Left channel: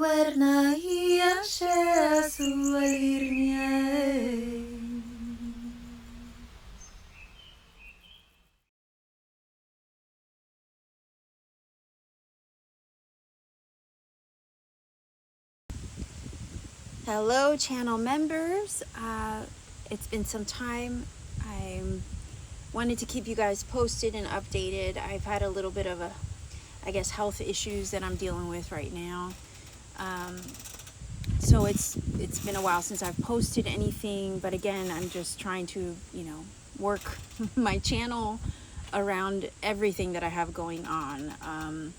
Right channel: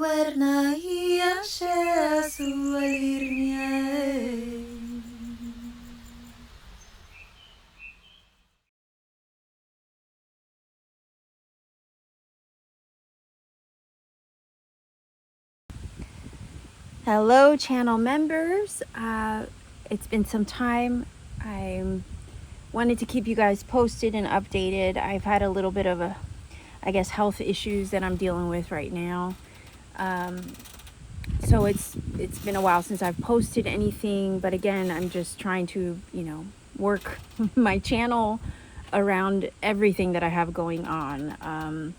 warnai ashe sualirnia. Hello channel members, it's been some time. I wanted to keep you guys posted and updated. I've had a little bit of health issues that I'm dealing with right now. So it's been a while since I've posted anything, but again, I'm just trying to, work my channel around everything that I have going on.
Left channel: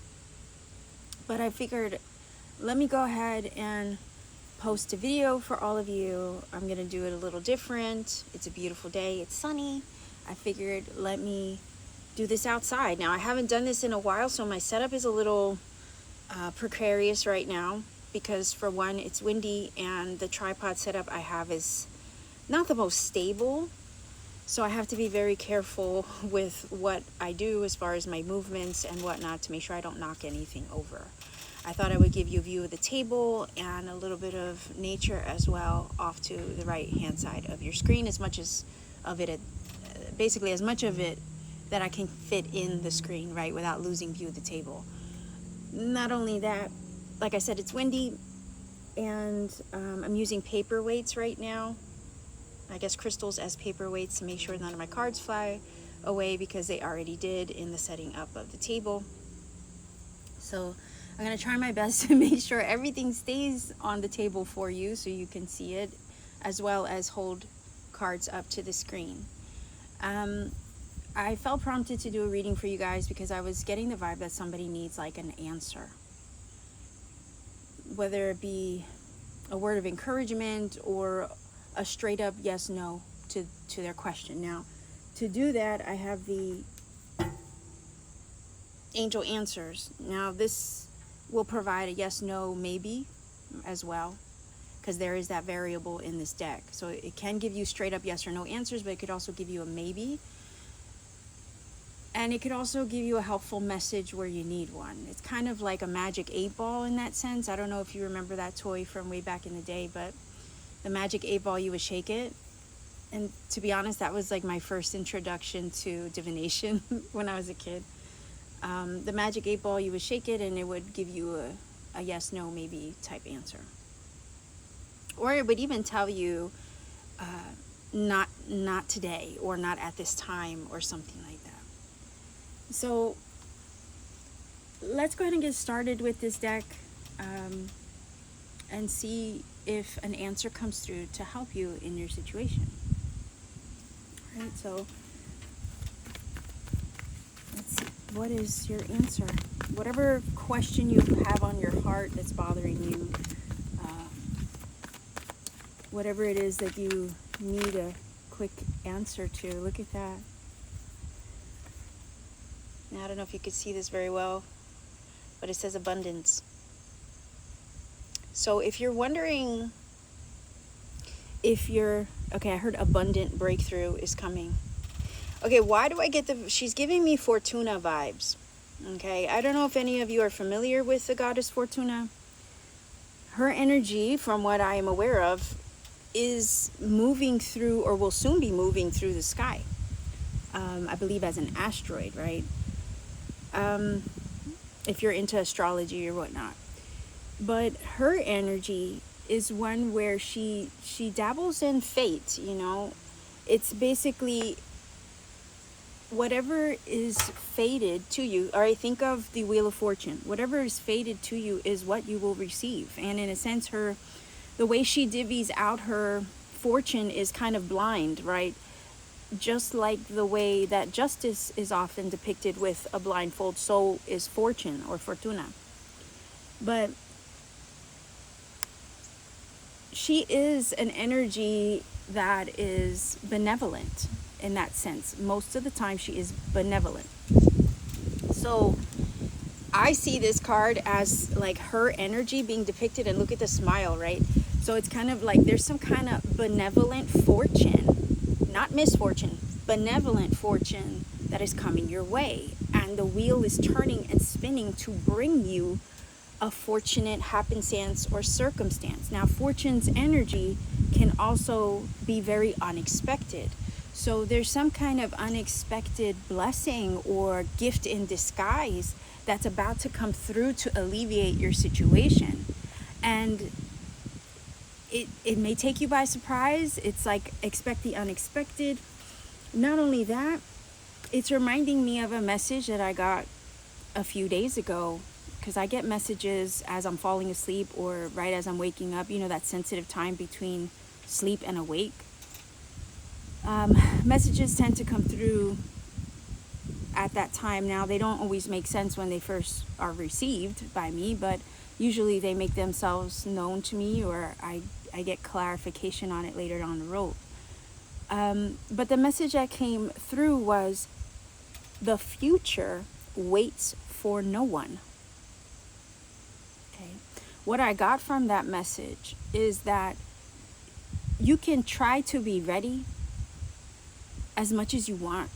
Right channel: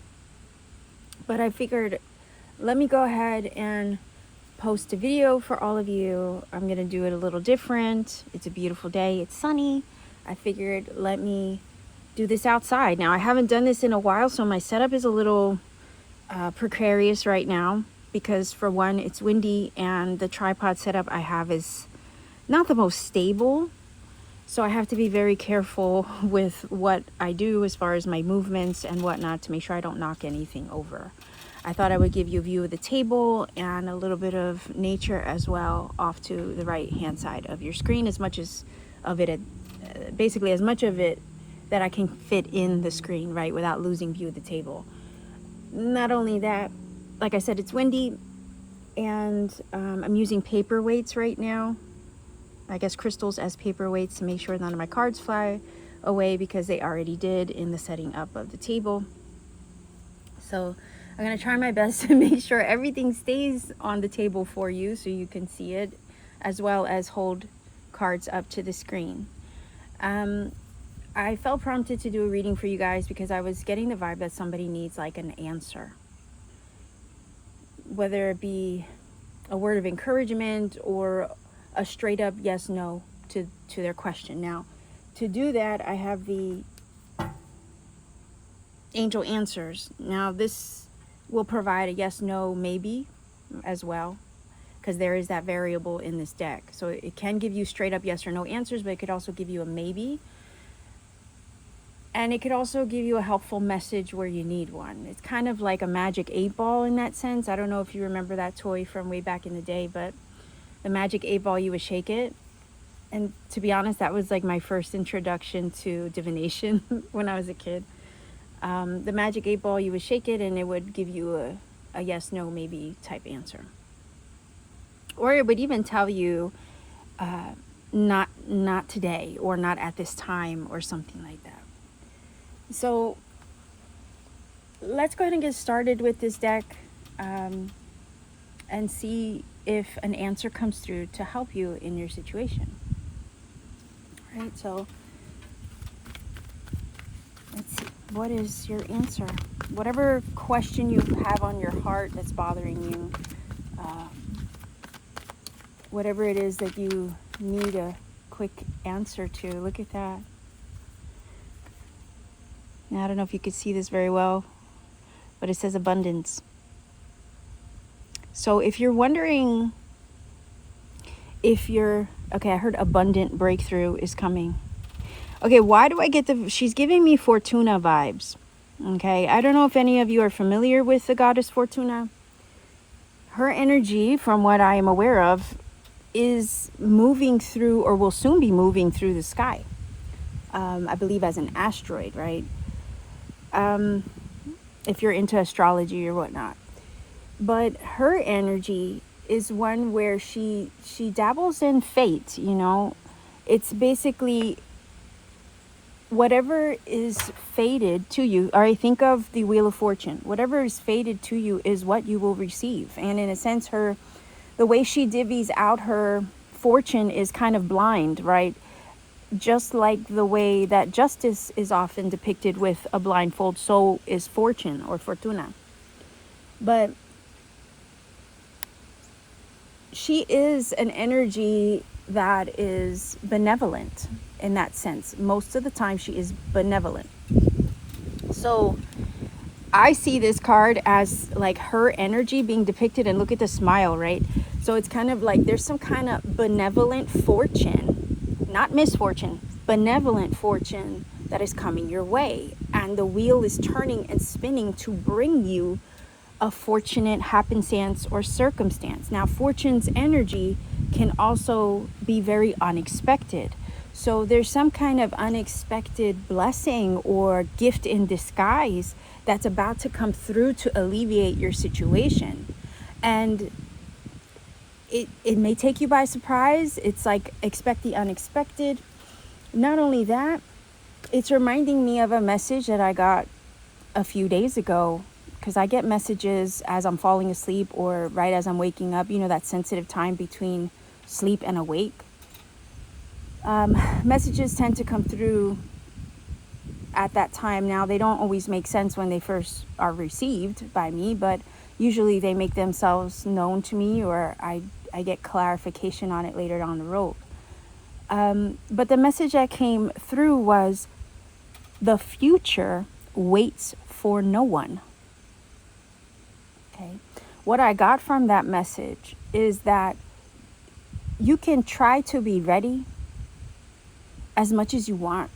But I figured, let me go ahead and post a video for all of you. I'm gonna do it a little different. It's a beautiful day, it's sunny. I figured, let me do this outside. Now, I haven't done this in a while, so my setup is a little precarious right now because, for one, it's windy and the tripod setup I have is not the most stable. So I have to be very careful with what I do as far as my movements and whatnot to make sure I don't knock anything over. I thought I would give you a view of the table and a little bit of nature as well off to the right hand side of your screen, as much as of it, basically as much of it that I can fit in the screen, right, without losing view of the table. Not only that, like I said, it's windy and I'm using paperweights right now. I guess crystals as paperweights to make sure none of my cards fly away, because they already did in the setting up of the table. So I'm going to try my best to make sure everything stays on the table for you so you can see it, as well as hold cards up to the screen. I felt prompted to do a reading for you guys because I was getting the vibe that somebody needs like an answer. Whether it be a word of encouragement or a straight up yes, no to their question. Now, to do that, I have the angel answers. Now, this will provide a yes, no, maybe as well, because there is that variable in this deck. So it can give you straight up yes or no answers, but it could also give you a maybe. And it could also give you a helpful message where you need one. It's kind of like a magic 8-ball in that sense. I don't know if you remember that toy from way back in the day, but the magic 8-ball, you would shake it. And to be honest, that was like my first introduction to divination when I was a kid. The magic 8-ball, you would shake it and it would give you a yes, no, maybe type answer. Or it would even tell you not today, or not at this time, or something like that. So let's go ahead and get started with this deck and see if an answer comes through to help you in your situation. All right, so let's see. What is your answer? Whatever question you have on your heart that's bothering you, whatever it is that you need a quick answer to. Look at that. Now, I don't know if you can see this very well, but it says abundance. So if you're wondering if you're, okay, I heard abundant breakthrough is coming. Okay, why do I get she's giving me Fortuna vibes. Okay, I don't know if any of you are familiar with the goddess Fortuna. Her energy, from what I am aware of, is moving through, or will soon be moving through the sky. I believe as an asteroid, right? If you're into astrology or whatnot. But her energy is one where she dabbles in fate, you know. It's basically whatever is fated to you. All right, think of the Wheel of Fortune. Whatever is fated to you is what you will receive. And in a sense, the way she divvies out her fortune is kind of blind, right? Just like the way that justice is often depicted with a blindfold, so is fortune or fortuna. But she is an energy that is benevolent in that sense. Most of the time she is benevolent. So I see this card as like her energy being depicted, and look at the smile, right? So it's kind of like there's some kind of benevolent fortune, not misfortune, benevolent fortune that is coming your way. And the wheel is turning and spinning to bring you a fortunate happenstance or circumstance. Now, fortune's energy can also be very unexpected. So there's some kind of unexpected blessing or gift in disguise that's about to come through to alleviate your situation. And it may take you by surprise. It's like, expect the unexpected. Not only that, it's reminding me of a message that I got a few days ago, because I get messages as I'm falling asleep or right as I'm waking up, that sensitive time between sleep and awake. Messages tend to come through at that time. Now, they don't always make sense when they first are received by me, but usually they make themselves known to me, or I get clarification on it later down the road. But the message that came through was, the future waits for no one. Okay. What I got from that message is that you can try to be ready as much as you want,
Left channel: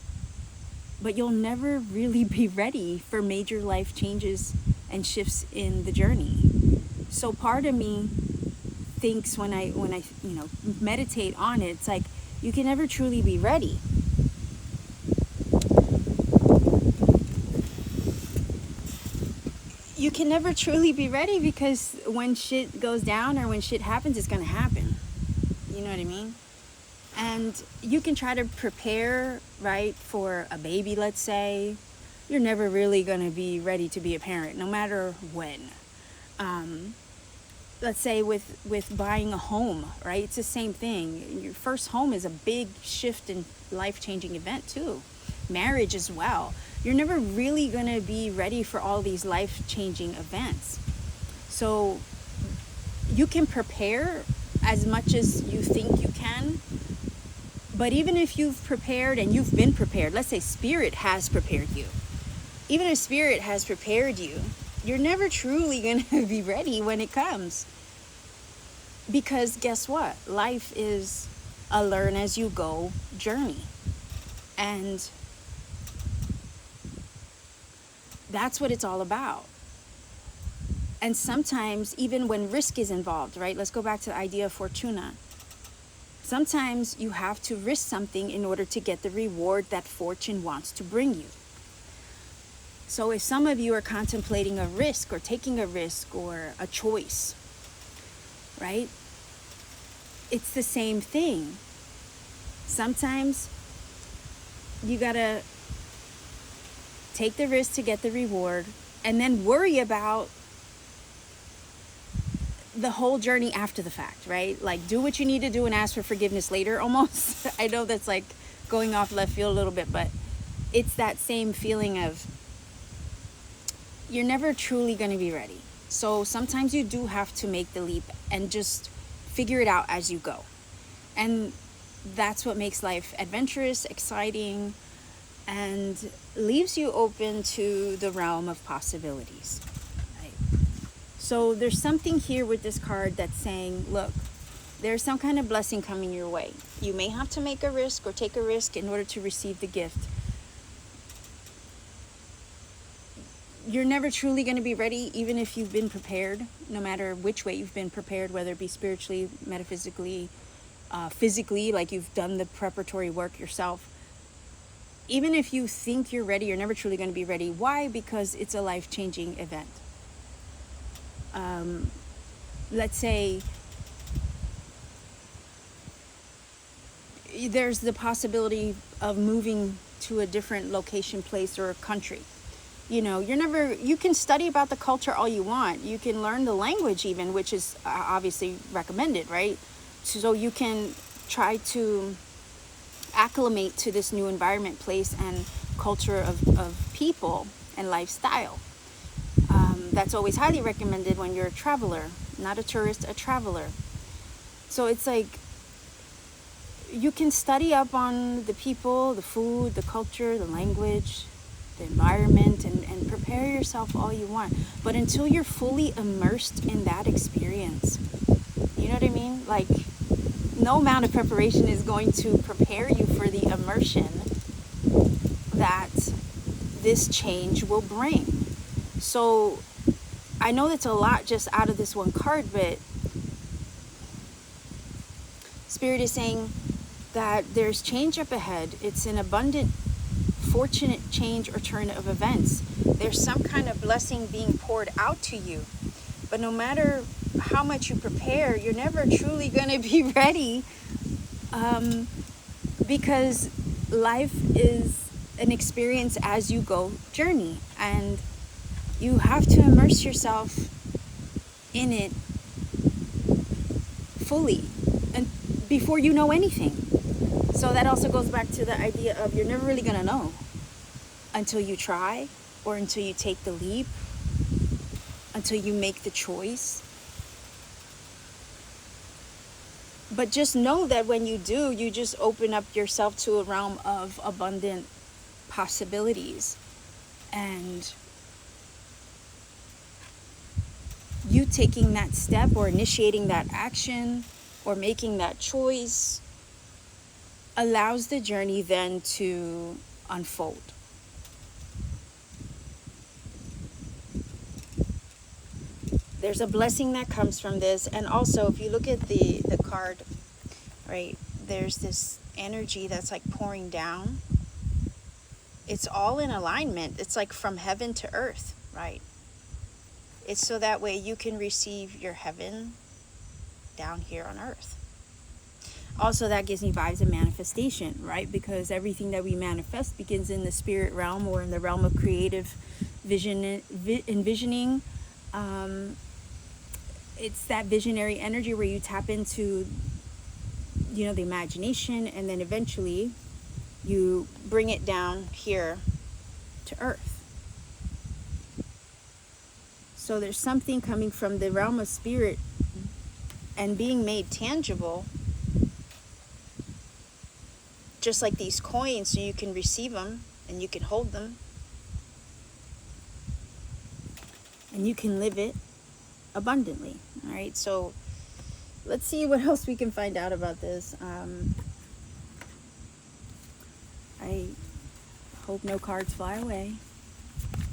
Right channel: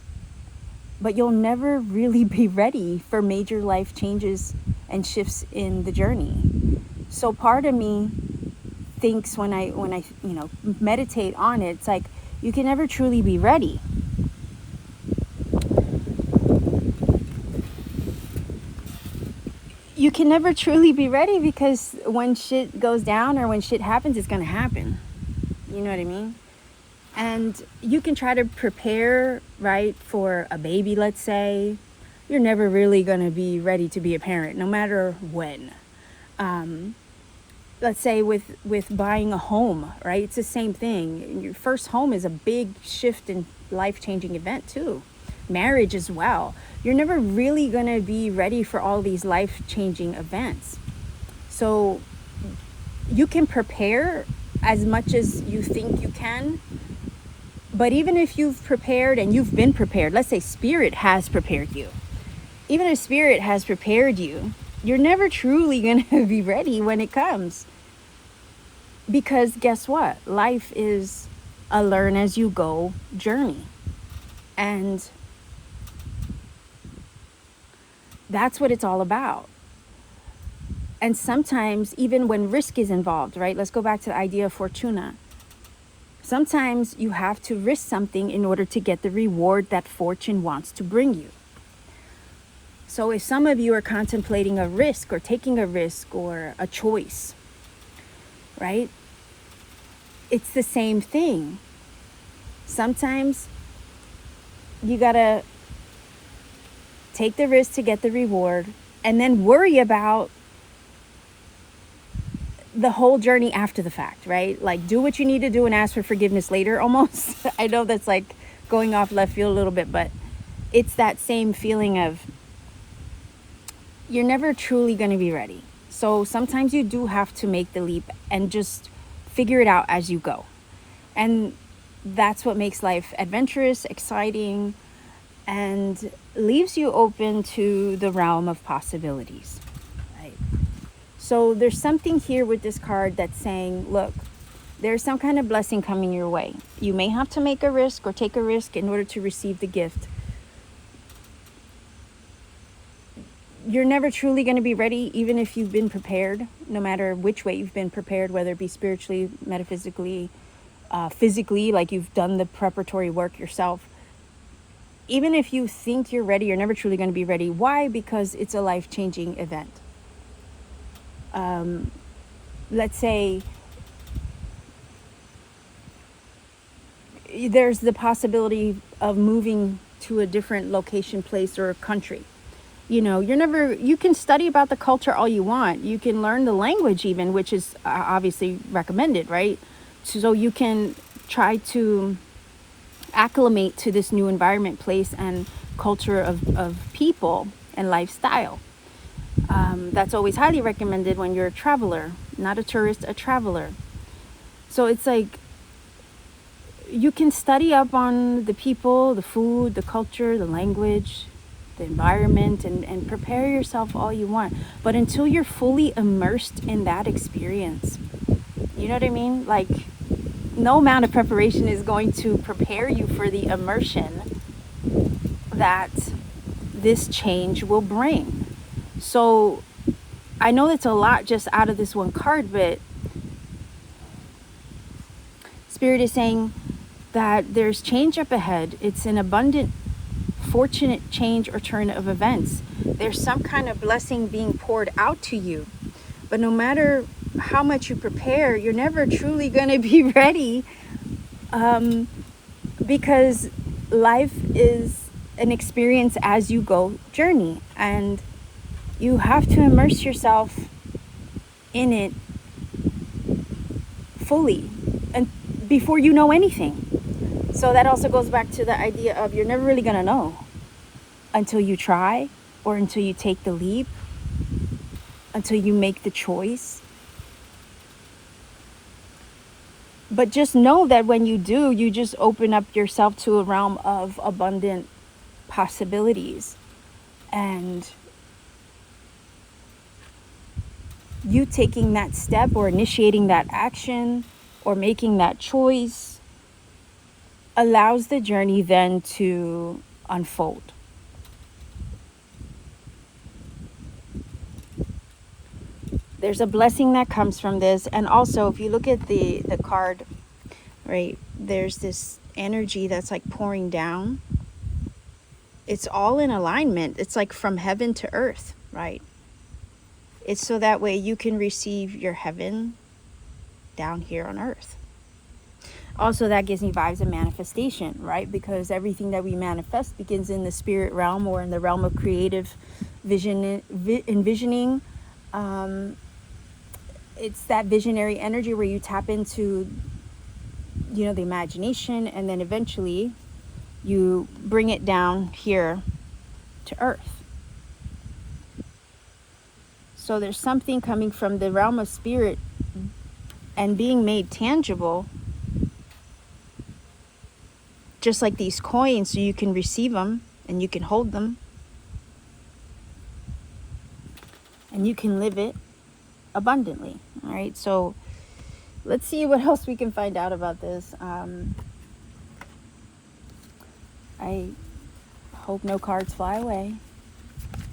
but you'll never really be ready for major life changes and shifts in the journey. So part of me thinks when I meditate on it, it's like, you can never truly be ready. You can never truly be ready, because when shit goes down or when shit happens, it's going to happen. You know what I mean? And you can try to prepare, right, for a baby, let's say. You're never really going to be ready to be a parent, no matter when. Let's say with buying a home, right? It's the same thing. Your first home is a big shift and life-changing event too. Marriage as well. You're never really going to be ready for all these life-changing events. So you can prepare as much as you think you can. But even if you've prepared and you've been prepared, let's say Spirit has prepared you. Even if Spirit has prepared you, you're never truly going to be ready when it comes. Because guess what? Life is a learn as you go journey. And that's what it's all about. And sometimes, even when risk is involved, right? Let's go back to the idea of Fortuna. Sometimes you have to risk something in order to get the reward that fortune wants to bring you. So if some of you are contemplating a risk or taking a risk or a choice, right? It's the same thing. Sometimes you gotta take the risk to get the reward, and then worry about the whole journey after the fact, right? Like, do what you need to do and ask for forgiveness later, almost. I know that's like going off left field a little bit, but it's that same feeling of you're never truly going to be ready. So sometimes you do have to make the leap and just figure it out as you go. And that's what makes life adventurous, exciting, and leaves you open to the realm of possibilities. Right? So there's something here with this card that's saying, look, there's some kind of blessing coming your way. You may have to make a risk or take a risk in order to receive the gift. You're never truly going to be ready, even if you've been prepared, no matter which way you've been prepared, whether it be spiritually, metaphysically, physically, like you've done the preparatory work yourself. Even if you think you're ready, you're never truly going to be ready. Why? Because it's a life-changing event. Let's say there's the possibility of moving to a different location, place, or country. You know, you can study about the culture all you want. You can learn the language even, which is obviously recommended, right? So you can try to acclimate to this new environment, place, and culture of people and lifestyle. That's always highly recommended when you're a traveler, not a tourist, a traveler. So it's like you can study up on the people, the food, the culture, the language, the environment, and prepare yourself all you want. But until you're fully immersed in that experience, you know what I mean? Like, no amount of preparation is going to prepare you for the immersion that this change will bring. So I know it's a lot just out of this one card, but Spirit is saying that there's change up ahead. It's an abundant, fortunate change or turn of events. There's some kind of blessing being poured out to you. But no matter how much you prepare, you're never truly going to be ready, because life is an experience as you go journey, and you have to immerse yourself in it fully and before you know anything. So that also goes back to the idea of you're never really going to know until you try, or until you take the leap, until you make the choice. But just know that when you do, you just open up yourself to a realm of abundant possibilities. And you taking that step, or initiating that action, or making that choice, allows the journey then to unfold. There's a blessing that comes from this. And also, if you look at the card, right, there's this energy that's like pouring down. It's all in alignment. It's like from heaven to earth, right? It's so that way you can receive your heaven down here on earth. Also, that gives me vibes of manifestation, right? Because everything that we manifest begins in the spirit realm, or in the realm of creative envisioning. It's that visionary energy where you tap into, the imagination, and then eventually you bring it down here to earth. So there's something coming from the realm of spirit and being made tangible, just like these coins, so you can receive them and you can hold them and you can live it abundantly. All right, so let's see what else we can find out about this. I hope no cards fly away,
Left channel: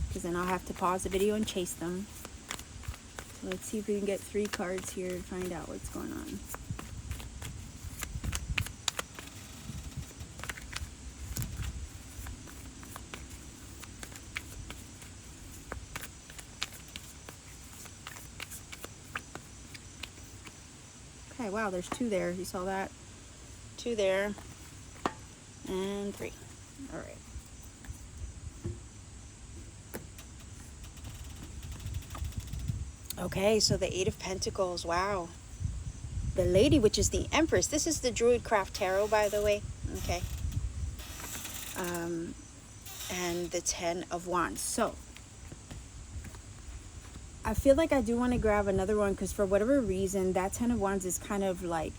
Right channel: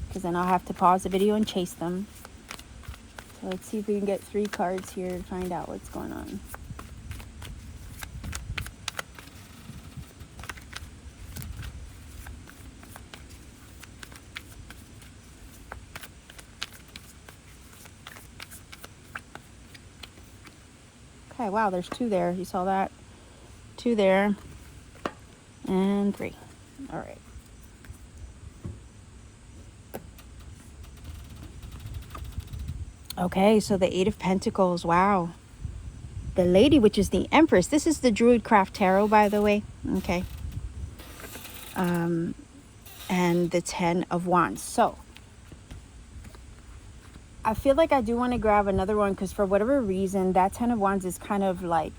because then I'll have to pause the video and chase them. So let's see if we can get 3 cards here to find out what's going on. Okay, wow, there's 2 there. You saw that? 2 there. And 3. All right. Okay, so the 8 of Pentacles. Wow. The Lady, which is the Empress. This is the Druidcraft Tarot, by the way. Okay. And the 10 of Wands. So I feel like I do want to grab another one, because for whatever reason, that 10 of Wands is kind of like...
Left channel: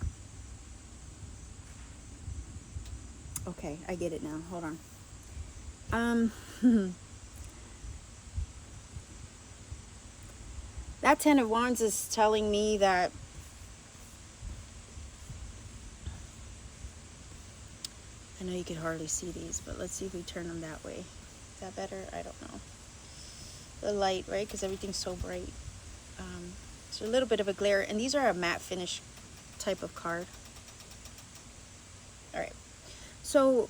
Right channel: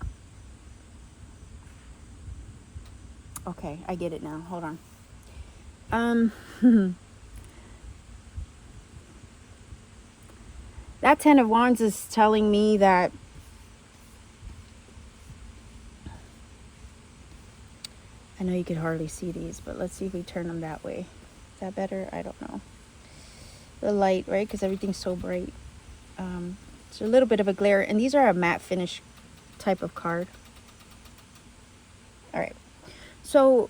Okay, I get it now. Hold on. That 10 of Wands is telling me that I know you can hardly see these, but let's see if we turn them that way. Is that better? I don't know. The light, right? Because everything's so bright. So a little bit of a glare. And these are a matte finish type of card. All right. So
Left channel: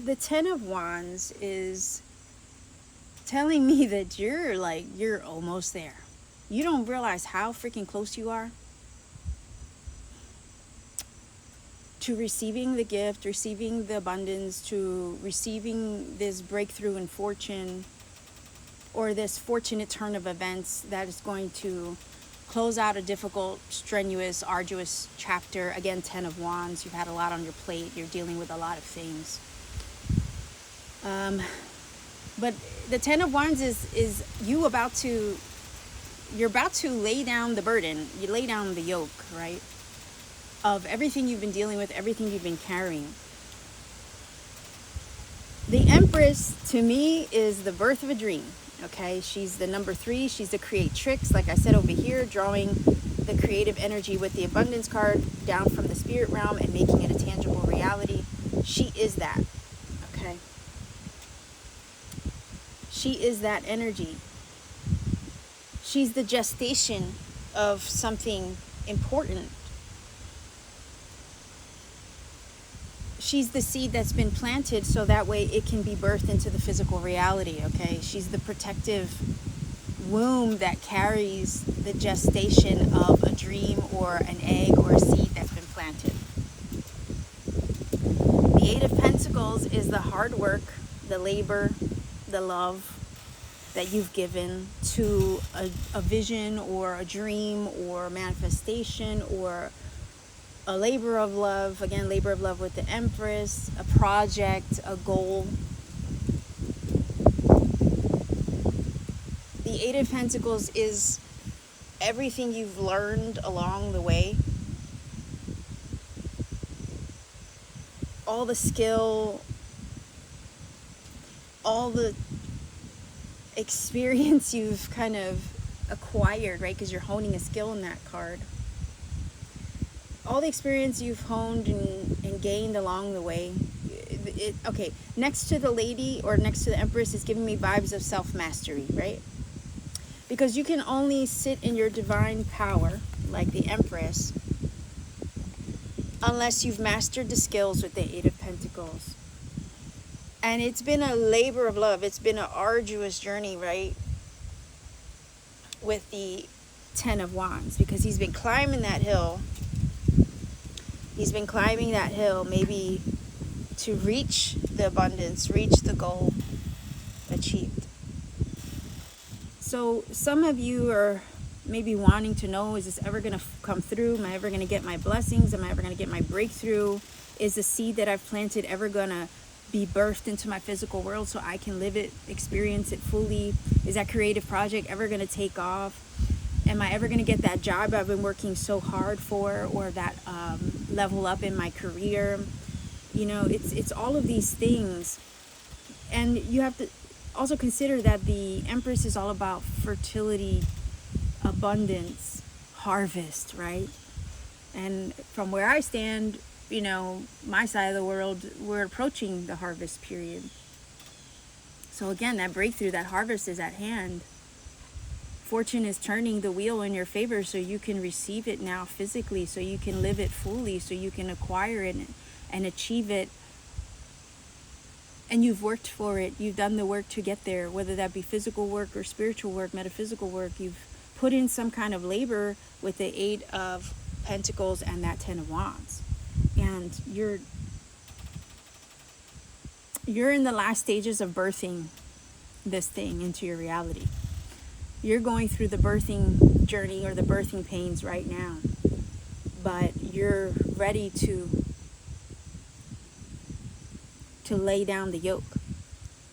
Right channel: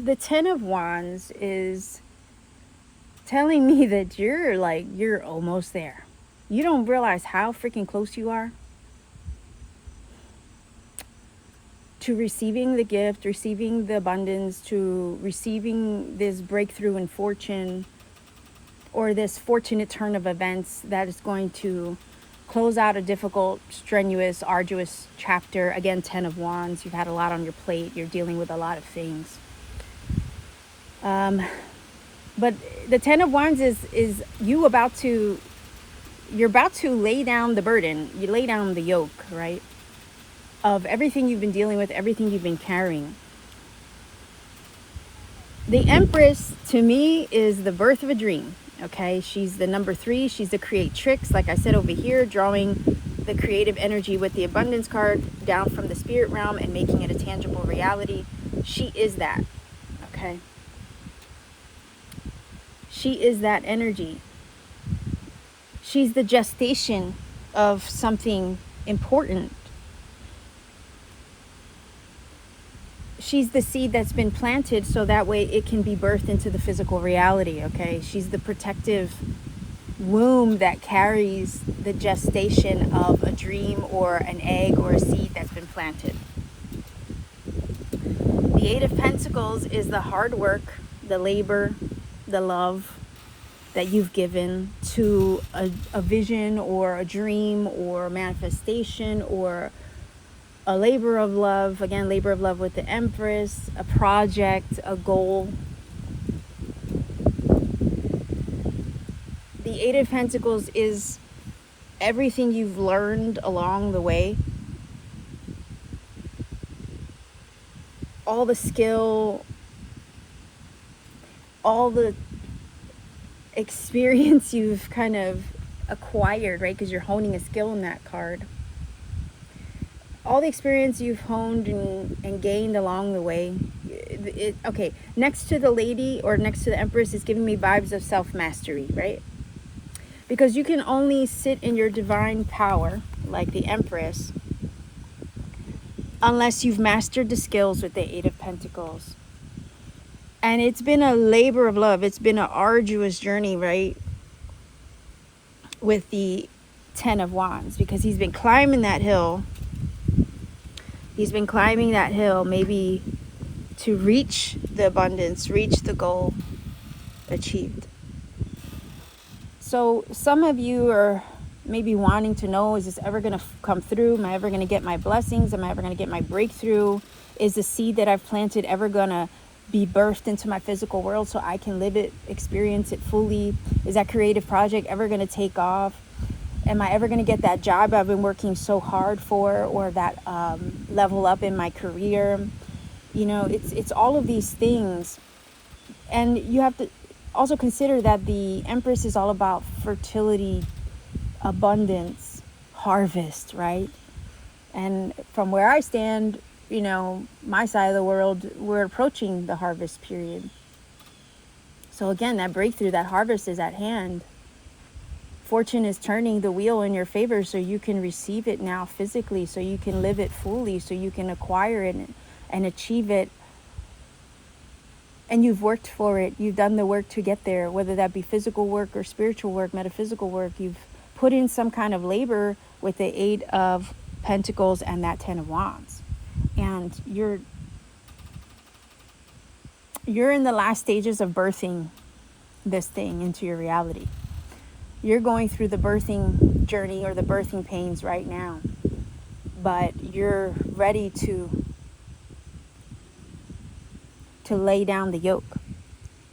the 10 of Wands is telling me that you're almost there. You don't realize how freaking close you are to receiving the gift, receiving the abundance, to receiving this breakthrough in fortune, or this fortunate turn of events that is going to close out a difficult, strenuous, arduous chapter. Again, 10 of Wands. You've had a lot on your plate. You're dealing with a lot of things. But the 10 of Wands is you're about to lay down the burden. You lay down the yoke, right? Of everything you've been dealing with, everything you've been carrying. The Empress, to me, is the birth of a dream. Okay, she's the number 3. She's the creatrix. Like I said over here, drawing the creative energy with the abundance card down from the spirit realm and making it a tangible reality. She is that. Okay. She is that energy. She's the gestation of something important. She's the seed that's been planted so that way it can be birthed into the physical reality, okay? She's the protective womb that carries the gestation of a dream or an egg or a seed that's been planted. The Eight of Pentacles is the hard work, the labor, the love that you've given to a vision or a dream or a manifestation or a labor of love. Again, labor of love with the Empress, a project, a goal. The Eight of Pentacles is everything you've learned along the way. All the skill, all the experience you've kind of acquired, right? Because you're honing a skill in that card. All the experience you've honed and gained along the way. Okay, next to the lady or next to the Empress is giving me vibes of self-mastery, right? Because you can only sit in your divine power, like the Empress, unless you've mastered the skills with the Eight of Pentacles. And it's been a labor of love. It's been an arduous journey, right? With the Ten of Wands, because he's been climbing that hill. He's been climbing that hill maybe to reach the abundance, reach the goal achieved. So some of you are maybe wanting to know, is this ever going to come through? Am I ever going to get my blessings? Am I ever going to get my breakthrough? Is the seed that I've planted ever going to be birthed into my physical world so I can live it, experience it fully? Is that creative project ever going to take off? Am I ever going to get that job I've been working so hard for, or that level up in my career? You know, it's all of these things. And you have to also consider that the Empress is all about fertility, abundance, harvest, right? And from where I stand, you know, my side of the world, we're approaching the harvest period. So again, that breakthrough, that harvest is at hand. Fortune is turning the wheel in your favor so you can receive it now physically, so you can live it fully, so you can acquire it and achieve it. And you've worked for it. You've done the work to get there, whether that be physical work or spiritual work, metaphysical work. You've put in some kind of labor with the Eight of Pentacles and that Ten of Wands. And you're in the last stages of birthing this thing into your reality. You're going through the birthing journey or the birthing pains right now, but you're ready to lay down the yoke.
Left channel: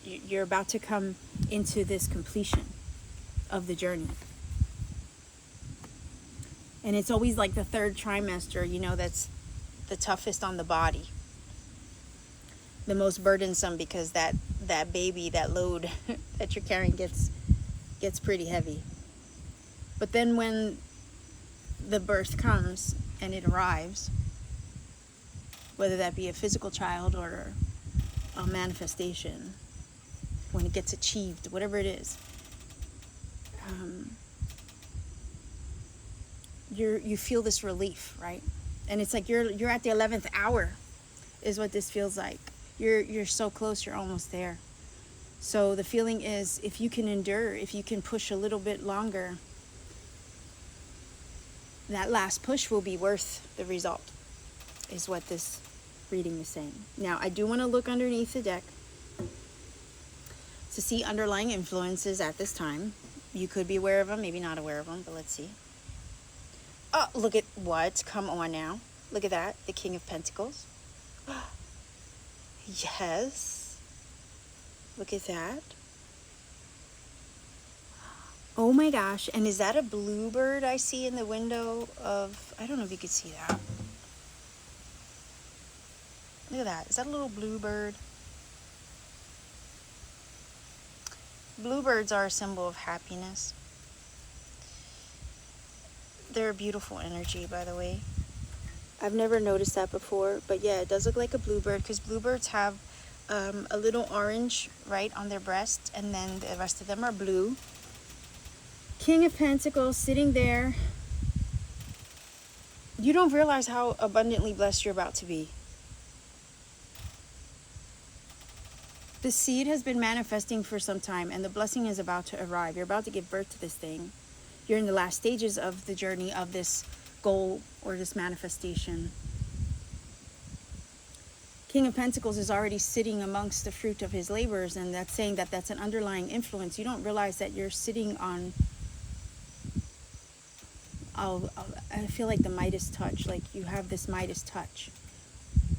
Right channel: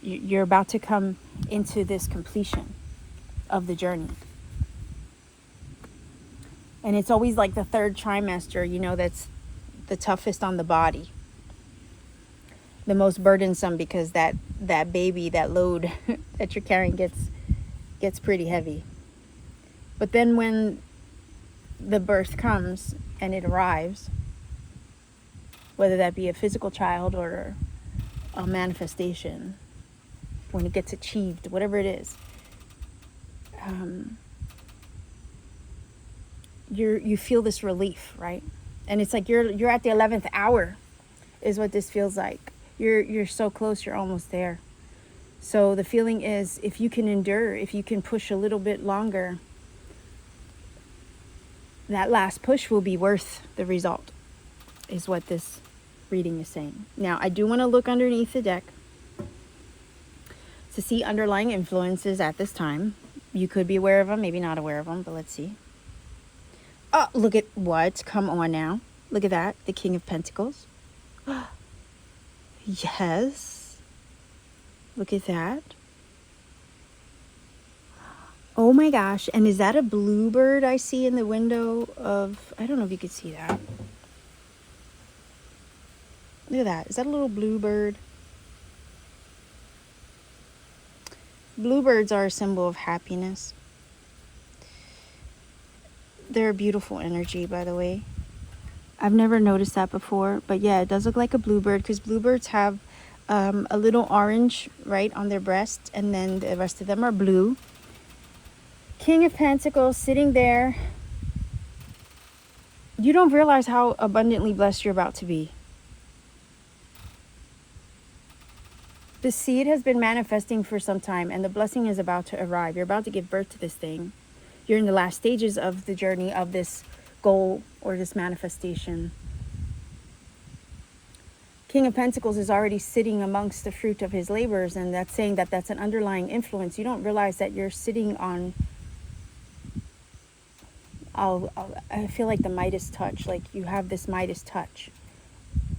You're about to come into this completion of the journey. And it's always like the third trimester, you know, that's the toughest on the body, the most burdensome, because that baby, that load that you're carrying gets pretty heavy. But then when the birth comes and it arrives, whether that be a physical child or a manifestation, when it gets achieved, whatever it is, you feel this relief, right? And it's like you're at the 11th hour is what this feels like. You're so close, you're almost there. So the feeling is, if you can endure, if you can push a little bit longer, that last push will be worth the result, is what this reading is saying. Now, I do want to look underneath the deck to see underlying influences at this time. You could be aware of them, maybe not aware of them, but let's see. Oh, look at what? Come on now. Look at that. The King of Pentacles. Yes. Look at that. Oh my gosh. And is that a bluebird I see in the window of... I don't know if you can see that. Look at that. Is that a little bluebird? Bluebirds are a symbol of happiness. They're a beautiful energy, by the way. I've never noticed that before. But yeah, it does look like a bluebird, because bluebirds have a little orange right on their breast, and then the rest of them are blue. King of Pentacles sitting there. You don't realize how abundantly blessed you're about to be. The seed has been manifesting for some time, and the blessing is about to arrive. You're about to give birth to this thing. You're in the last stages of the journey of this goal or this manifestation. King of Pentacles is already sitting amongst the fruit of his labors, and that's saying that that's an underlying influence. You don't realize that you're sitting on, I feel like the Midas touch, like you have this Midas touch.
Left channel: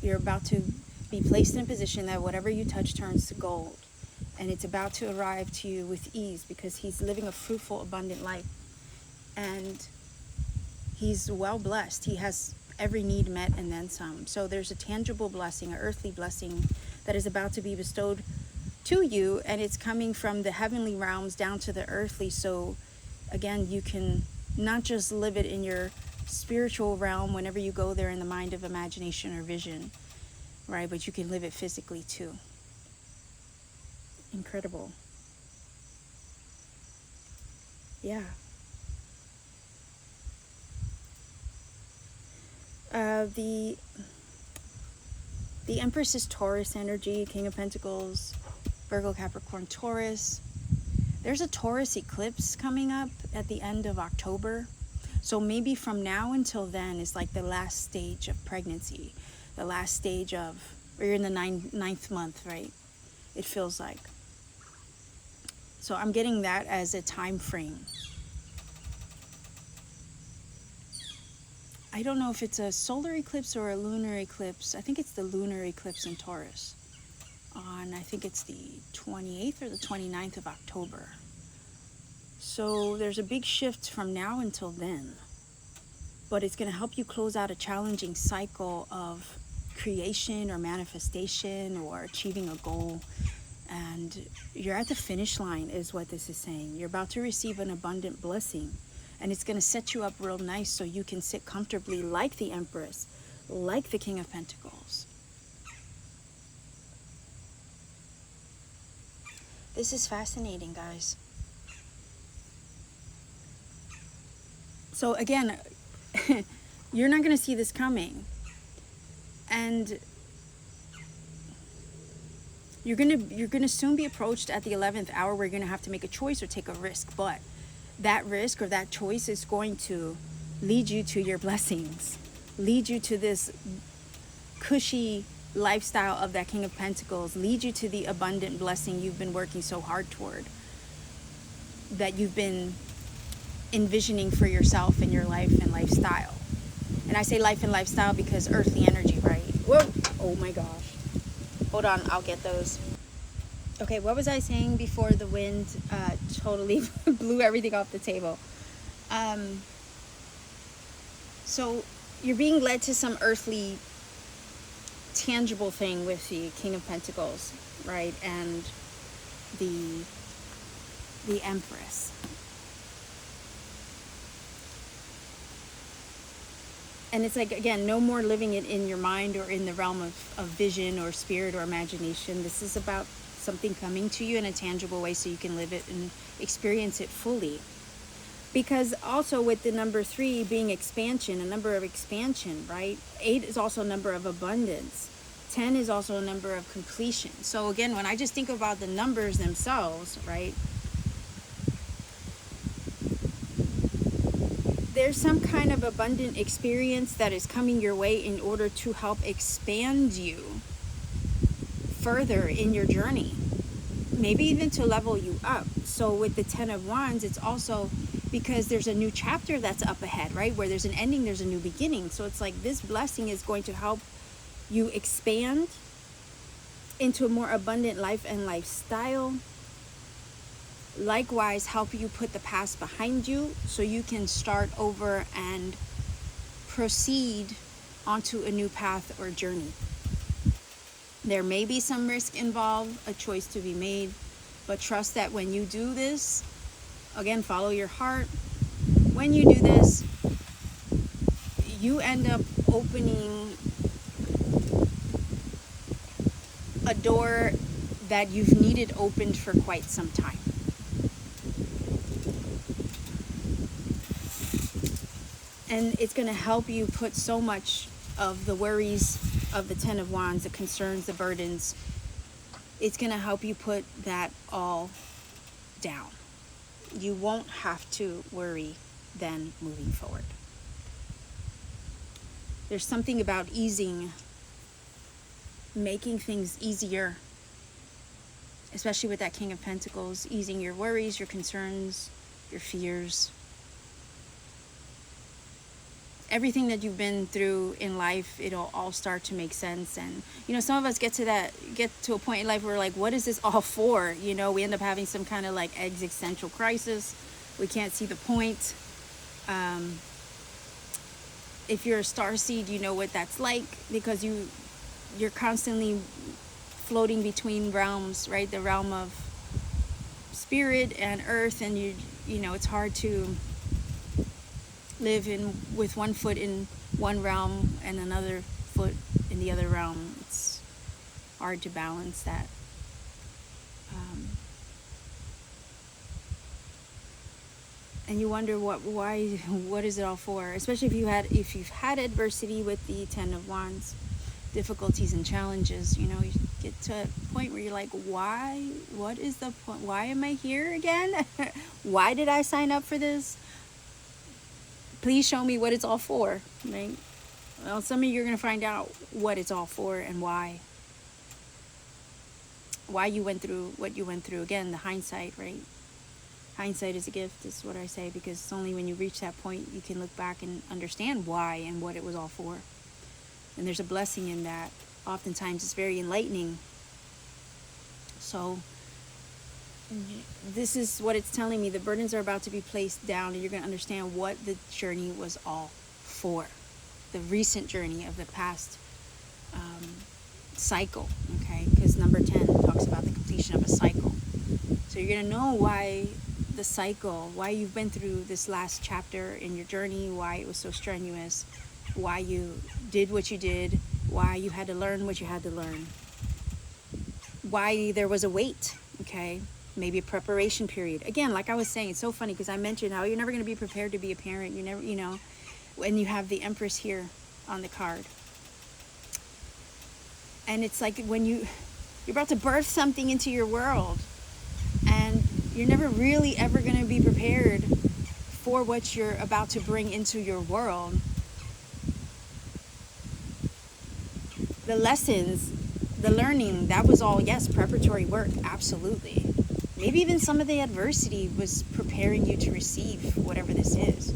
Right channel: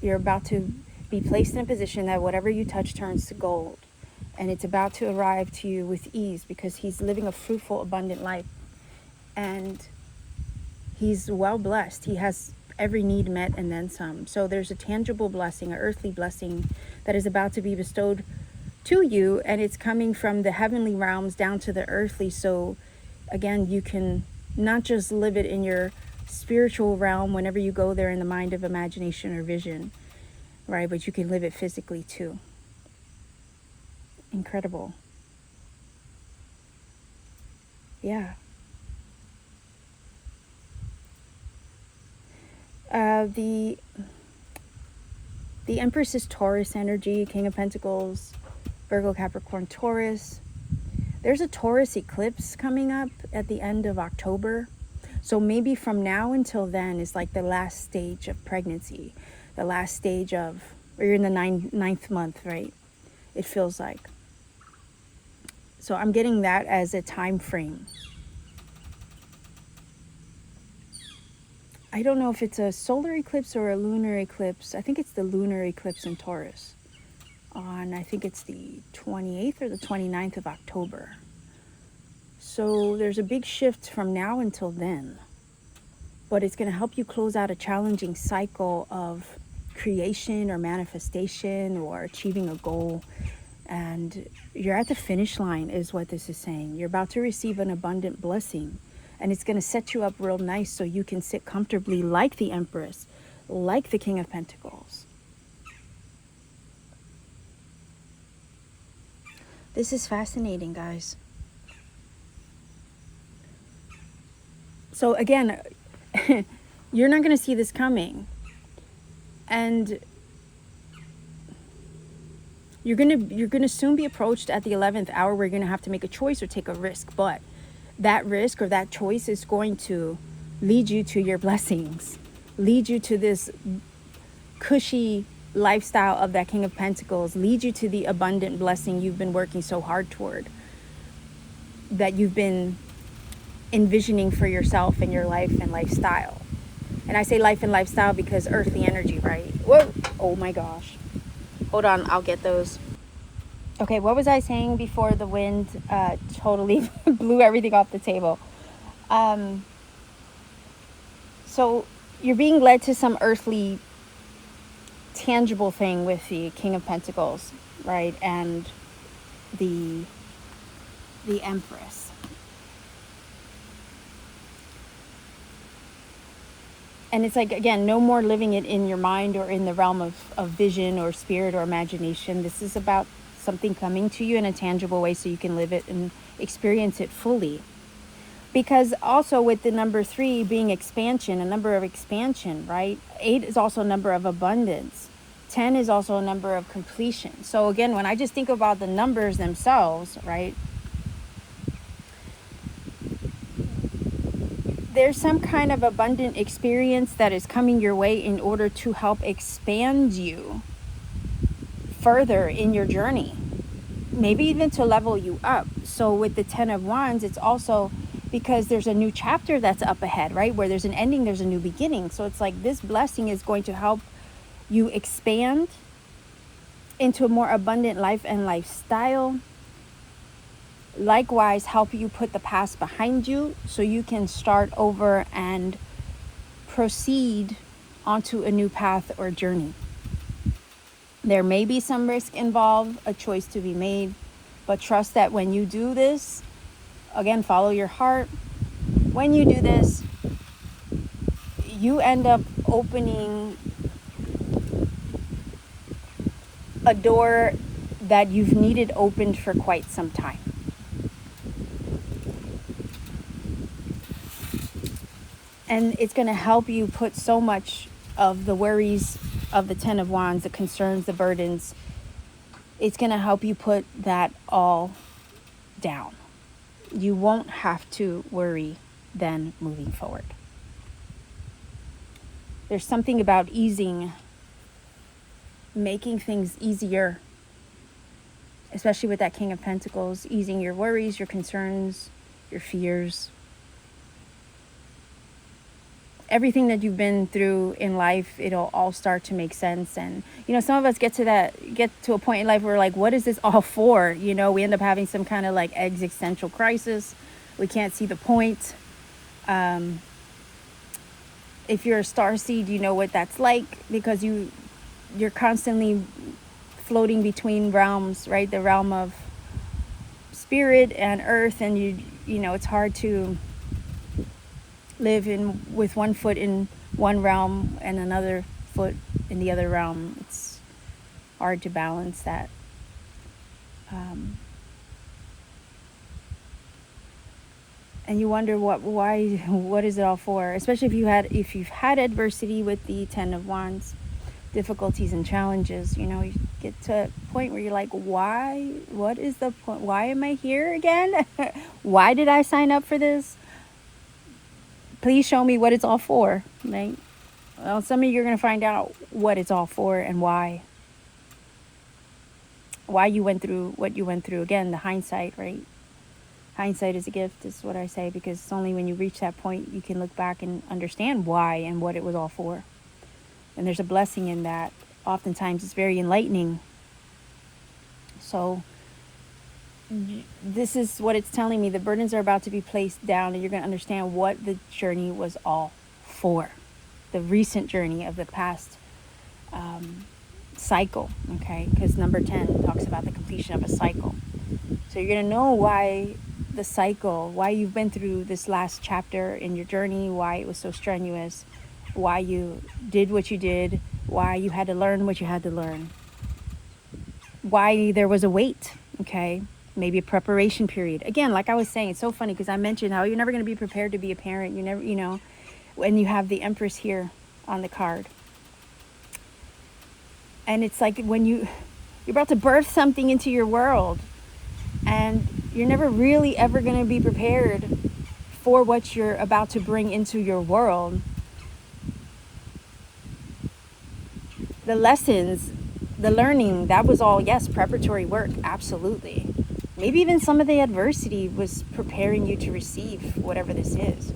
You're about to be placed in a position that whatever you touch turns to gold, and it's about to arrive to you with ease because he's living a fruitful, abundant life, and he's well blessed. He has every need met and then some. So there's a tangible blessing, an earthly blessing that is about to be bestowed to you, and it's coming from the heavenly realms down to the earthly. So again, you can not just live it in your spiritual realm whenever you go there in the mind of imagination or vision, right? But you can live it physically too. Incredible. Yeah. The Empress is Taurus energy, King of Pentacles, Virgo, Capricorn, Taurus. There's a Taurus eclipse coming up at the end of October. So maybe from now until then is like the last stage of pregnancy, the last stage of, or you're in the ninth month, right? It feels like. So I'm getting that as a time frame. I don't know if it's a solar eclipse or a lunar eclipse. I think it's the lunar eclipse in Taurus on, I think it's the 28th or the 29th of October. So there's a big shift from now until then. But it's going to help you close out a challenging cycle of creation or manifestation or achieving a goal. And you're at the finish line is what this is saying. You're about to receive an abundant blessing. And it's going to set you up real nice so you can sit comfortably like the Empress, like the King of Pentacles. This is fascinating, guys. So again, you're not going to see this coming. And you're going to soon be approached at the 11th hour where you're going to have to make a choice or take a risk. But that risk or that choice is going to lead you to your blessings, lead you to this cushy lifestyle of that King of Pentacles, lead you to the abundant blessing you've been working so hard toward, that you've been envisioning for yourself and your life and lifestyle. And I say life and lifestyle because earthly energy, right? Whoa! Oh my gosh. Hold on, I'll get those. Okay, what was I saying before the wind totally blew everything off the table? So you're being led to some earthly, tangible thing with the King of Pentacles, right? And the Empress. And it's like, again, no more living it in your mind or in the realm of vision or spirit or imagination. This is about something coming to you in a tangible way so you can live it and experience it fully. Because also with the number 3 being expansion, a number of expansion, right? 8 is also a number of abundance. 10 is also a number of completion. So again, when I just think about the numbers themselves, right? There's some kind of abundant experience that is coming your way in order to help expand you further in your journey, maybe even to level you up. So with the 10 of Wands, it's also because there's a new chapter that's up ahead, right? Where there's an ending, there's a new beginning. So it's like this blessing is going to help you expand into a more abundant life and lifestyle. Likewise, help you put the past behind you so you can start over and proceed onto a new path or journey. There may be some risk involved, a choice to be made, but trust that when you do this, again, follow your heart. When you do this, you end up opening a door that you've needed opened for quite some time. And it's going to help you put so much of the worries of the Ten of Wands, the concerns, the burdens. It's going to help you put that all down. You won't have to worry then moving forward. There's something about easing, making things easier, especially with that King of Pentacles, easing your worries, your concerns, your fears. Everything that you've been through in life, it'll all start to make sense. And some of us get to a point in life where we're like, what is this all for? We end up having some kind of like existential crisis. We can't see the point. If you're a starseed, you know what that's like, because you're constantly floating between realms, right? The realm of spirit and earth, and it's hard to live with one foot in one realm and another foot in the other realm. It's hard to balance that. And you wonder what is it all for? Especially if you've had adversity with the Ten of Wands, difficulties and challenges. You get to a point where you're like, why? What is the point? Why am I here again? Why did I sign up for this? Please show me what it's all for, right? Well, some of you are going to find out what it's all for and why. Why you went through what you went through. Again, the hindsight, right? Hindsight is a gift, is what I say, because it's only when you reach that point you can look back and understand why and what it was all for. And there's a blessing in that. Oftentimes it's very enlightening. So this is what it's telling me. The burdens are about to be placed down, and you're going to understand what the journey was all for. The recent journey of the past cycle, okay? Because number 10 talks about the completion of a cycle. So you're going to know why the cycle, why you've been through this last chapter in your journey, why it was so strenuous, why you did what you did, why you had to learn what you had to learn, why there was a wait, okay? Maybe a preparation period. Again, like I was saying, it's so funny because I mentioned how you're never going to be prepared to be a parent. You never, when you have the Empress here on the card. And it's like when you're about to birth something into your world, and you're never really ever going to be prepared for what you're about to bring into your world. The lessons, the learning, that was all, yes, preparatory work, absolutely. Maybe even some of the adversity was preparing you to receive whatever this is.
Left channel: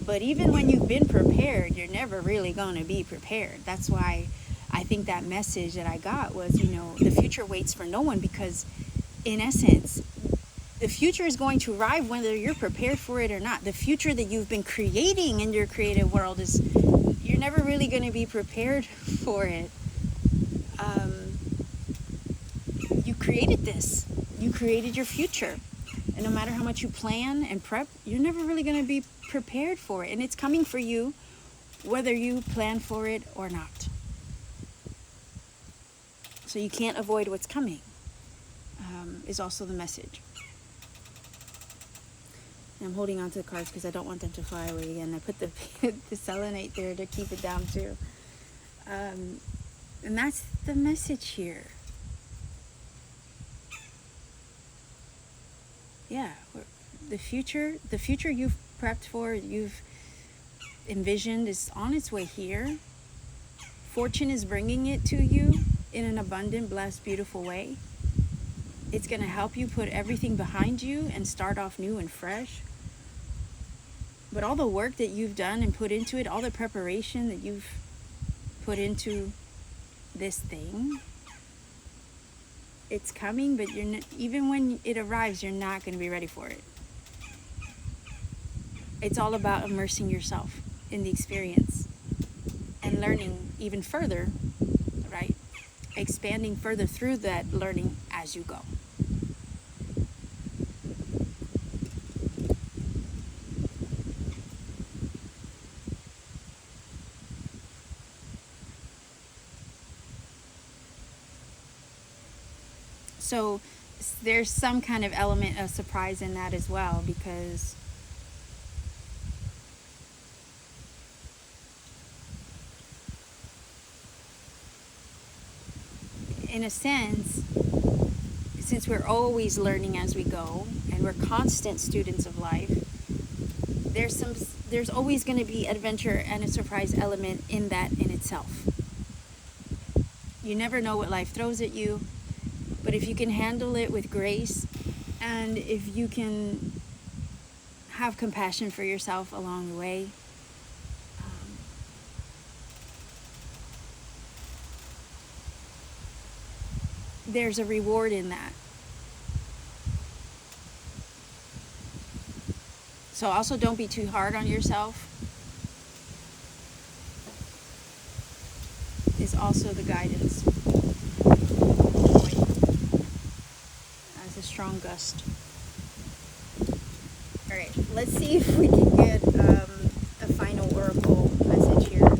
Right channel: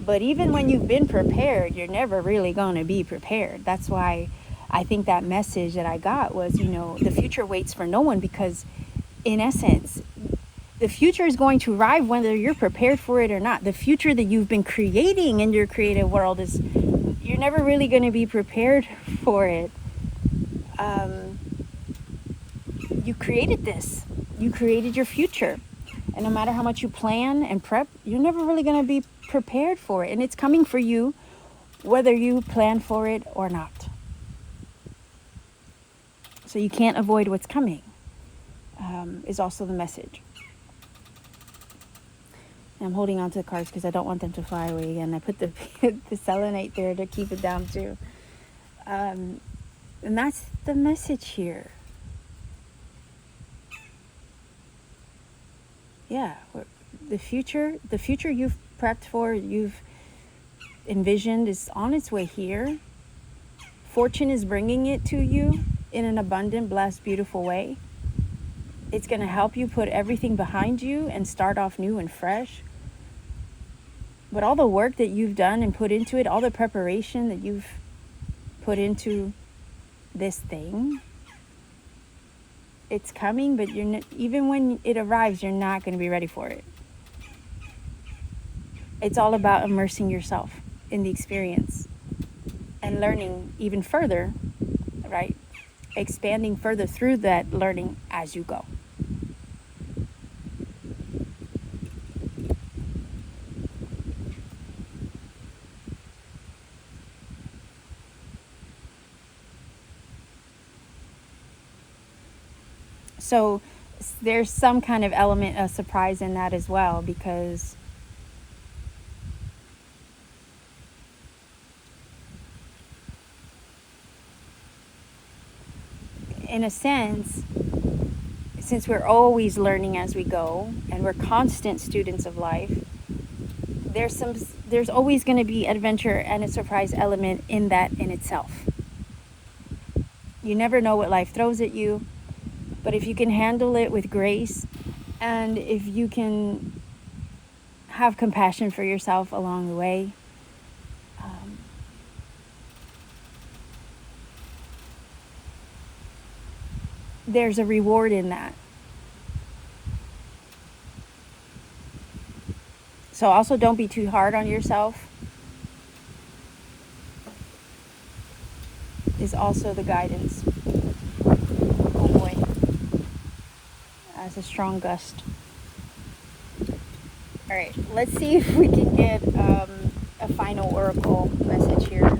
But even when you've been prepared, you're never really going to be prepared. That's why I think that message that I got was, the future waits for no one, because in essence, the future is going to arrive whether you're prepared for it or not. The future that you've been creating in your creative world you're never really going to be prepared for it. You created this. You created your future. And no matter how much you plan and prep, you're never really going to be prepared for it. And it's coming for you whether you plan for it or not. So you can't avoid what's coming, is also the message. And I'm holding on to the cards because I don't want them to fly away again. I put the selenite there to keep it down too. And that's the message here. Yeah, the future you've prepped for, you've envisioned, is on its way here. Fortune is bringing it to you in an abundant, blessed, beautiful way. It's going to help you put everything behind you and start off new and fresh. But all the work that you've done and put into it, all the preparation that you've put into this thing, it's coming, but even when it arrives, you're not going to be ready for it. It's all about immersing yourself in the experience and learning even further, right? Expanding further through that learning as you go. So there's some kind of element of surprise in that as well, because in a sense, since we're always learning as we go and we're constant students of life, there's always going to be adventure and a surprise element in that in itself. You never know what life throws at you, but if you can handle it with grace, and if you can have compassion for yourself along the way, there's a reward in that. So also don't be too hard on yourself is also the guidance. Oh boy. That's a strong gust. Alright, let's see if we can get a final oracle message here.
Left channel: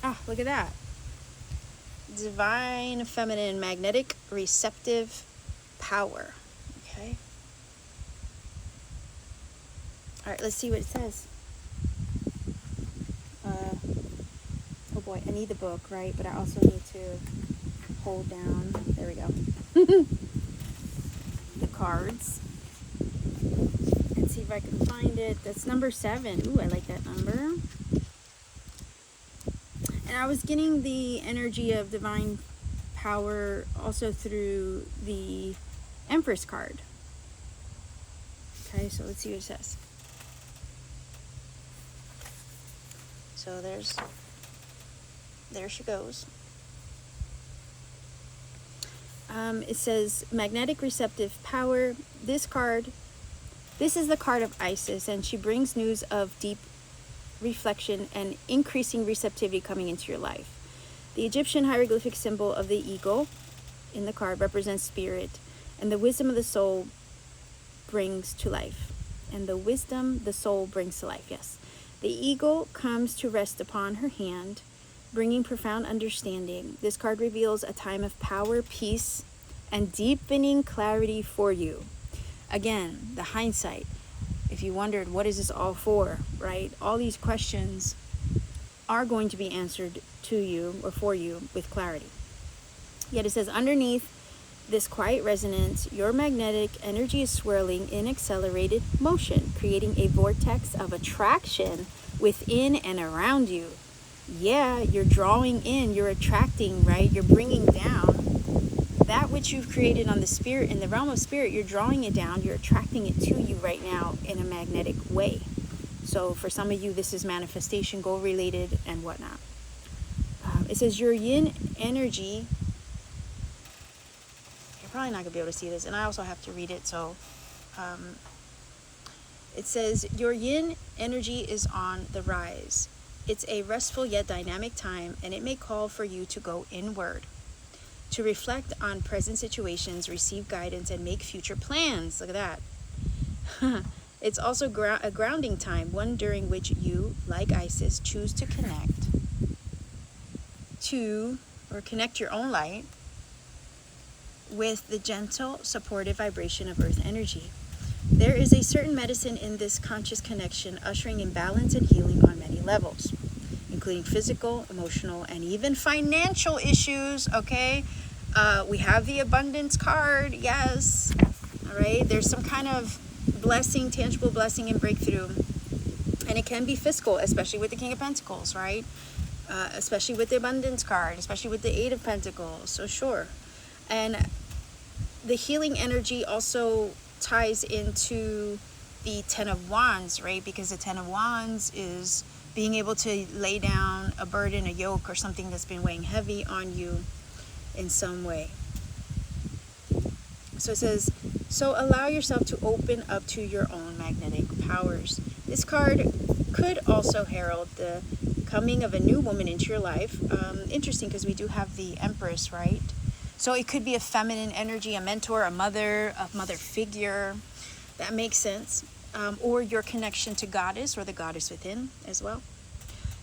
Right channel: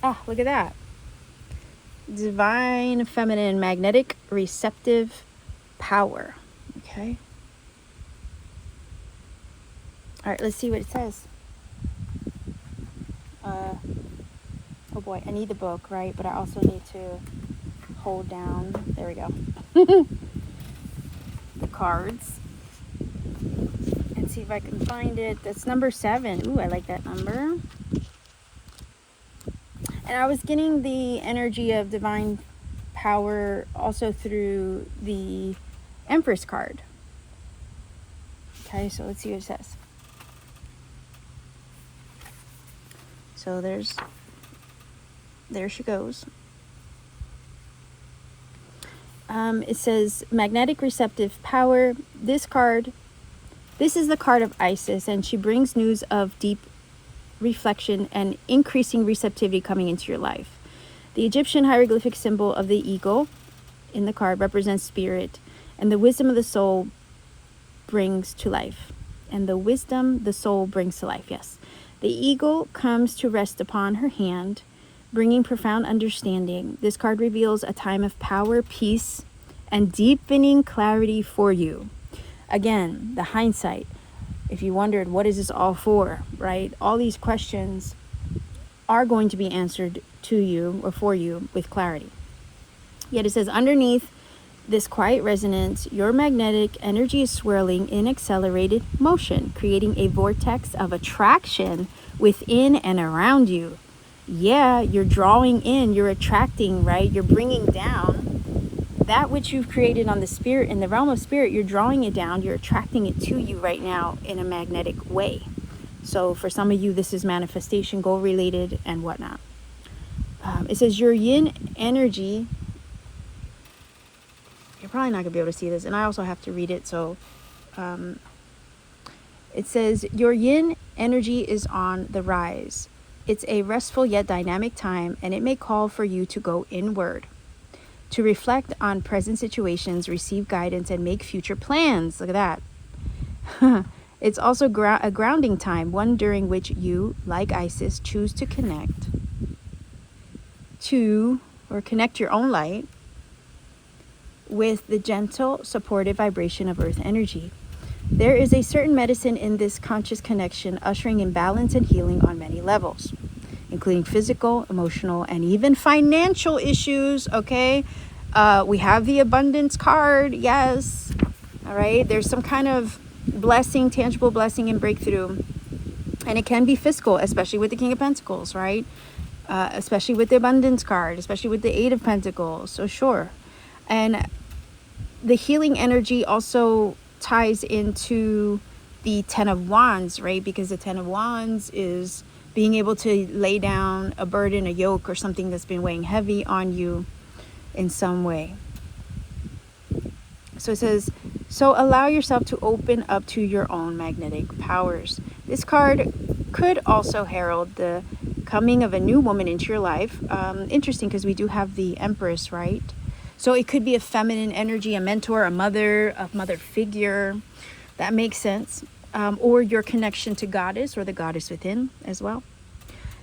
Ah, look at that. Divine feminine magnetic receptive power. Okay. All right, let's see what it says. Oh boy, I need the book, right? But I also need to hold down. There we go. The cards. And see if I can find it. That's number 7. Ooh, I like that number. And I was getting the energy of divine power also through the Empress card. Okay, so let's see what it says. So there she goes. It says magnetic receptive power. This is the card of Isis, and she brings news of deep reflection and increasing receptivity coming into your life. The Egyptian hieroglyphic symbol of the eagle in the card represents spirit, and the wisdom of the soul brings to life. And the wisdom the soul brings to life, yes. The eagle comes to rest upon her hand, bringing profound understanding. This card reveals a time of power, peace, and deepening clarity for you. Again, the hindsight. If you wondered, what is this all for, right? All these questions are going to be answered to you or for you with clarity. Yet it says, underneath this quiet resonance, your magnetic energy is swirling in accelerated motion, creating a vortex of attraction within and around you. Yeah, you're drawing in, you're attracting, right? You're bringing down that which you've created on the spirit, in the realm of spirit. You're drawing it down, you're attracting it to you right now in a magnetic way. So for some of you, this is manifestation, goal related, and whatnot. It says your yin energy, you're probably not gonna be able to see this, and I also have to read it. So it says your yin energy is on the rise. It's a restful yet dynamic time, and it may call for you to go inward, to reflect on present situations, receive guidance, and make future plans. Look at that. It's also a grounding time, one during which you, like Isis, choose to connect your own light with the gentle, supportive vibration of earth energy. There is a certain medicine in this conscious connection, ushering in balance and healing on many levels, including physical, emotional, and even financial issues. Okay, we have the abundance card. Yes. All right, there's some kind of blessing, tangible blessing and breakthrough, and it can be fiscal, especially with the King of Pentacles, right? Especially with the abundance card, especially with the 8 of Pentacles. So sure. And the healing energy also ties into the 10 of Wands, right? Because the 10 of Wands is being able to lay down a burden, a yoke, or something that's been weighing heavy on you in some way. So it says, so allow yourself to open up to your own magnetic powers. This card could also herald the coming of a new woman into your life. Interesting, because we do have the Empress, right? So it could be a feminine energy, a mentor, a mother figure. That makes sense. Or your connection to Goddess or the Goddess within as well.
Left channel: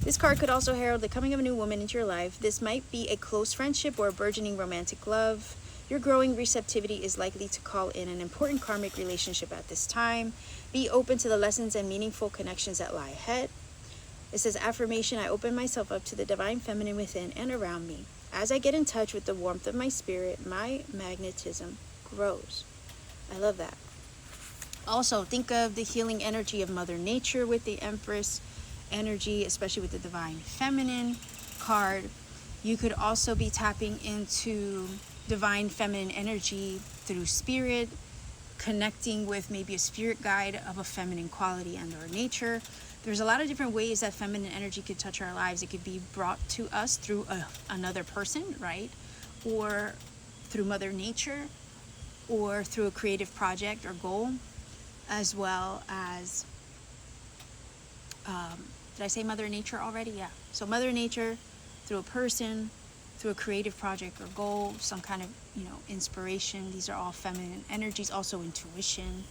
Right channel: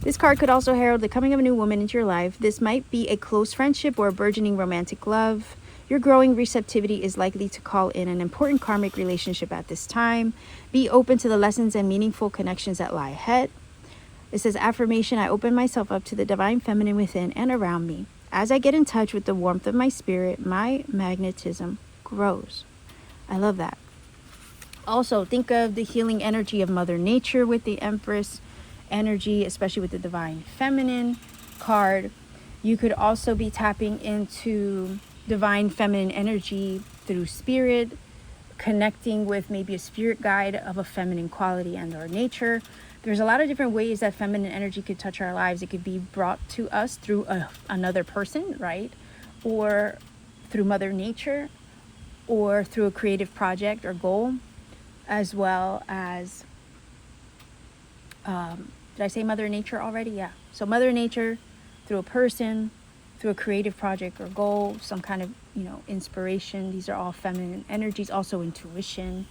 This card could also herald the coming of a new woman into your life. This might be a close friendship or a burgeoning romantic love. Your growing receptivity is likely to call in an important karmic relationship at this time. Be open to the lessons and meaningful connections that lie ahead. It says, affirmation, I open myself up to the divine feminine within and around me. As I get in touch with the warmth of my spirit, my magnetism grows. I love that. Also, think of the healing energy of Mother Nature with the Empress energy, especially with the divine feminine card. You could also be tapping into divine feminine energy through spirit, connecting with maybe a spirit guide of a feminine quality and or nature. There's a lot of different ways that feminine energy could touch our lives. It could be brought to us through another person, right? Or through Mother Nature, or through a creative project or goal, as well as, did I say Mother Nature already? Yeah. So Mother Nature, through a person, through a creative project or goal, some kind of, inspiration. These are all feminine energies. Also intuition.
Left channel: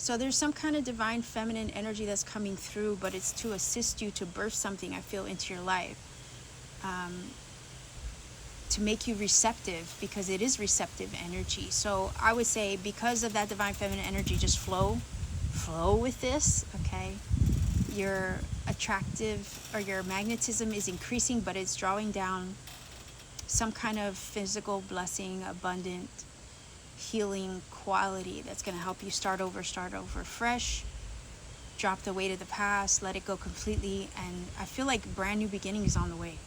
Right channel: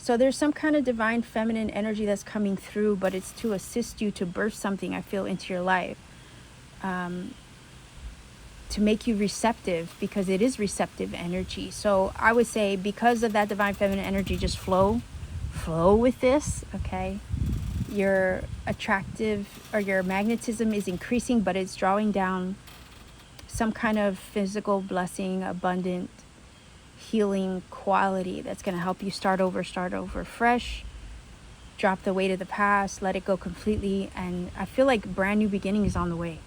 So there's some kind of divine feminine energy that's coming through, but it's to assist you to birth something, I feel, into your life. To make you receptive, because it is receptive energy. So I would say, because of that divine feminine energy, just flow with this, okay? Your attractive or your magnetism is increasing, but it's drawing down some kind of physical blessing, abundant healing quality that's going to help you start over fresh, drop the weight of the past, let it go completely. And I feel like brand new beginning is on the way.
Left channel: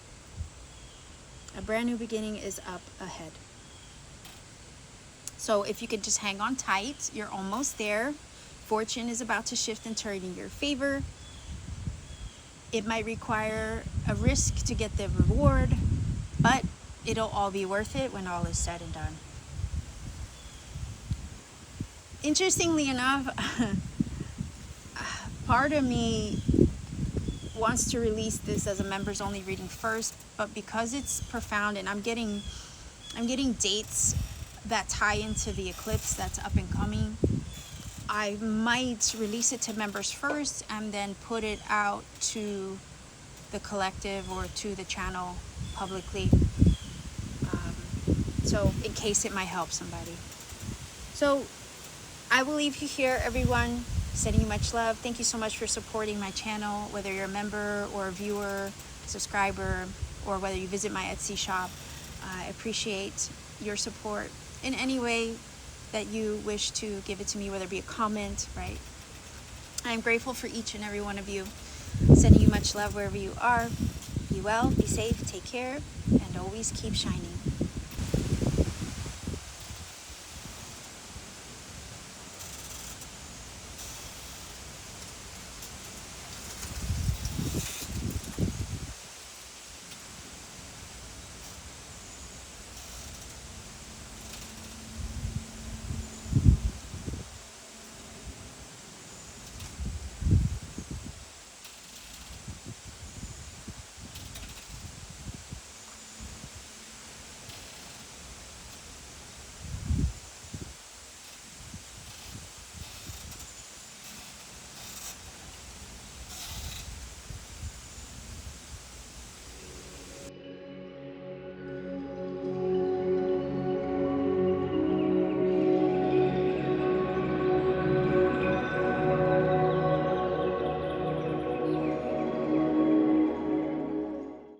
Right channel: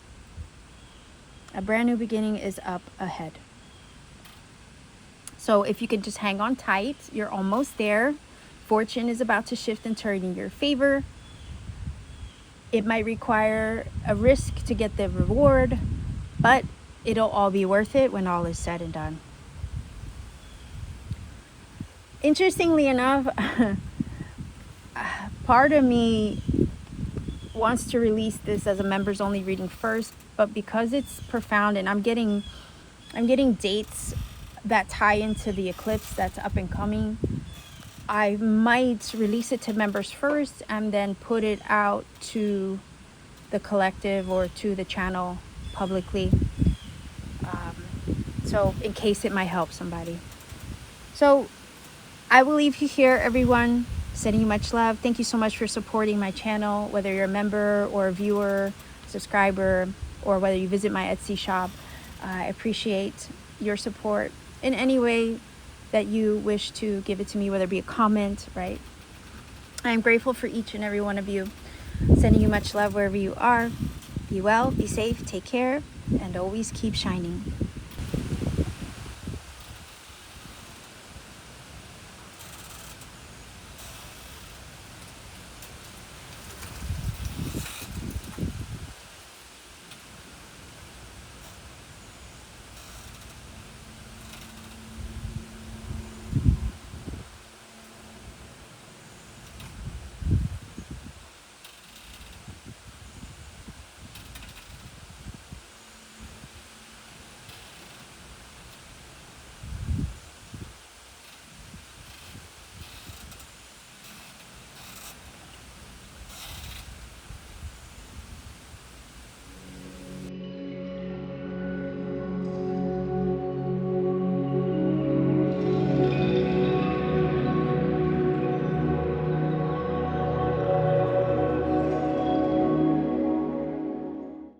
A brand new beginning is up ahead. So if you can just hang on tight, you're almost there. Fortune is about to shift and turn in your favor. It might require a risk to get the reward, but it'll all be worth it when all is said and done. Interestingly enough, part of me wants to release this as a members only reading first, but because it's profound and I'm getting dates that tie into the eclipse that's up and coming, I might release it to members first and then put it out to the collective or to the channel publicly. So in case it might help somebody. So I will leave you here, everyone. Sending you much love. Thank you so much for supporting my channel, whether you're a member or a viewer, subscriber, or whether you visit my Etsy shop. I appreciate your support in any way that you wish to give it to me, whether it be a comment, right? I am grateful for each and every one of you. Sending you much love wherever you are. Be well, be safe, take care, and always keep shining.